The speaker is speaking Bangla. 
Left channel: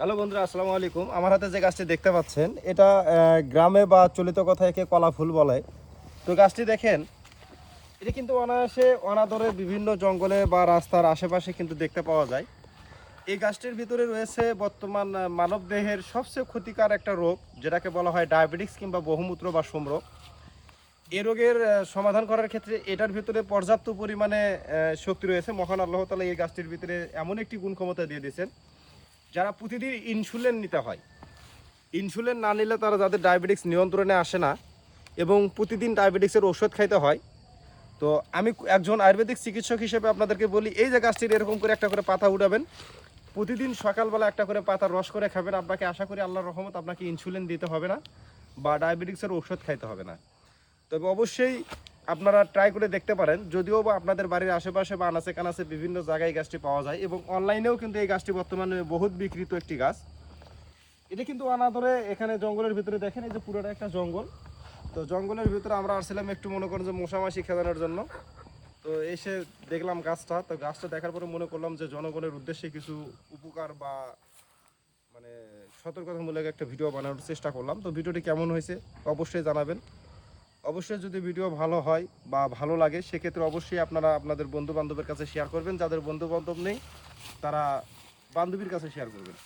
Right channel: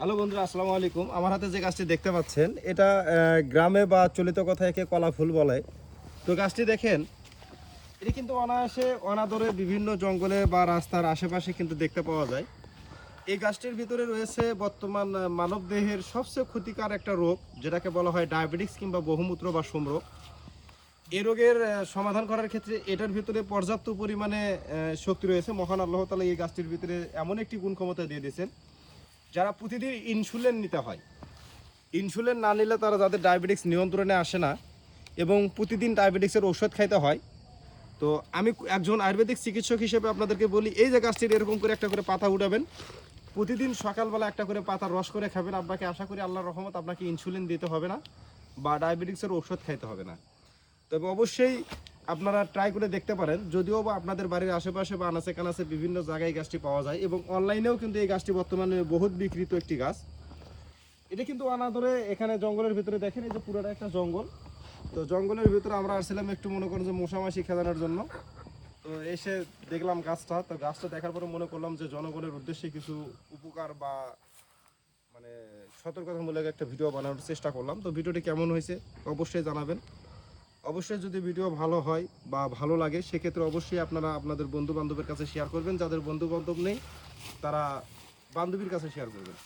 হ্যালো বন্ধুরা, আসসালামু আলাইকুম। আমার হাতে যে গাছটি দেখতে পাচ্ছেন এটা গ্রামে বা চলিত কথায় একে কলা ফুল বলে। তো গাছটি দেখেন, এটা কিন্তু অনায়াসে অনাদরে বিভিন্ন জঙ্গলে বা রাস্তার আশেপাশে কিন্তু দেখতে পাওয়া যায়। এই গাছটির ভিতরে রয়েছে বর্তমান মানব দেহের সবচেয়ে ক্ষতিকর একটা রোগ, যেটাকে বলা হয় ডায়াবেটিক্স কিংবা বহুমূত্র বা সমরোগ। এই রোগের সমাধান করার ক্ষেত্রে এটার ভিতরে পর্যাপ্ত পরিমাণে শক্তি রয়েছে। মহান আল্লাহ তাআলা এই গাছটির ভিতরে এমন একটি গুণ ক্ষমতা দিয়ে দিয়েছেন, যারা প্রতিদিন ইনসুলিন নিতে হয়, ইনসুলিন না নিলে তারা যাদের ডায়াবেটিক্স নিয়ন্ত্রণে আসে না এবং প্রতিদিন ডায়াবেটিক্সের ওষুধ খাইতে হয়। তো আমি একজন আয়ুর্বেদিক চিকিৎসক হিসেবে আপনাদেরকে বলি, এই যে গাছটির এরকম করে একটা করে পাতা উঠাবেন, প্রতিদিন সকালবেলা একটা করে পাতার রস করে খাবেন। আপনাকে আশা করি আল্লাহর রহমত আপনাকে ইনসুলিন দিতে হবে না বা ডায়াবেটিক্সের ওষুধ খাইতে হবে না। তবে অবশ্যই আপনারা ট্রাই করে দেখতে পারেন। যদিও বা আপনাদের বাড়ির আশেপাশে বা আনাচে কানাচে বিভিন্ন জায়গায় গাছটি পাওয়া যায় এবং অনলাইনেও কিন্তু এই গাছটি বর্তমানে বহুত বিক্রিত একটি গাছ। এটা কিন্তু অনাদরে এখানে জঙ্গলের ভিতরে দেখেন, এই যে পুরোটা একটা জঙ্গল। তো জঙ্গলের ভিতরে আমরা আসছিলাম একটু মনে করেন যে মশামাছি খেলানোর জন্য। তো এসে দেখলাম গাছটা, তো গাছটা দেখার পরে মনে করলাম যে জনগণের উদ্দেশ্যে কিছু উপকার বা মানে সতর্কতামূলক একটা ভিডিও বানানোর চেষ্টা করলাম। তো ভিডিওটি কেমন হয়েছে অবশ্যই জানাবেন। অবশ্যই যদি ভিডিও ভালো হয় বা ভালো লাগে, সেক্ষেত্রে অবশ্যই আপনারা আপনাদের বন্ধু বান্ধবের কাছে শেয়ার করবেন। যাদের বন্ধু বান্ধব নেই তারা বান্ধবীর কাছে শেয়ার করবেন।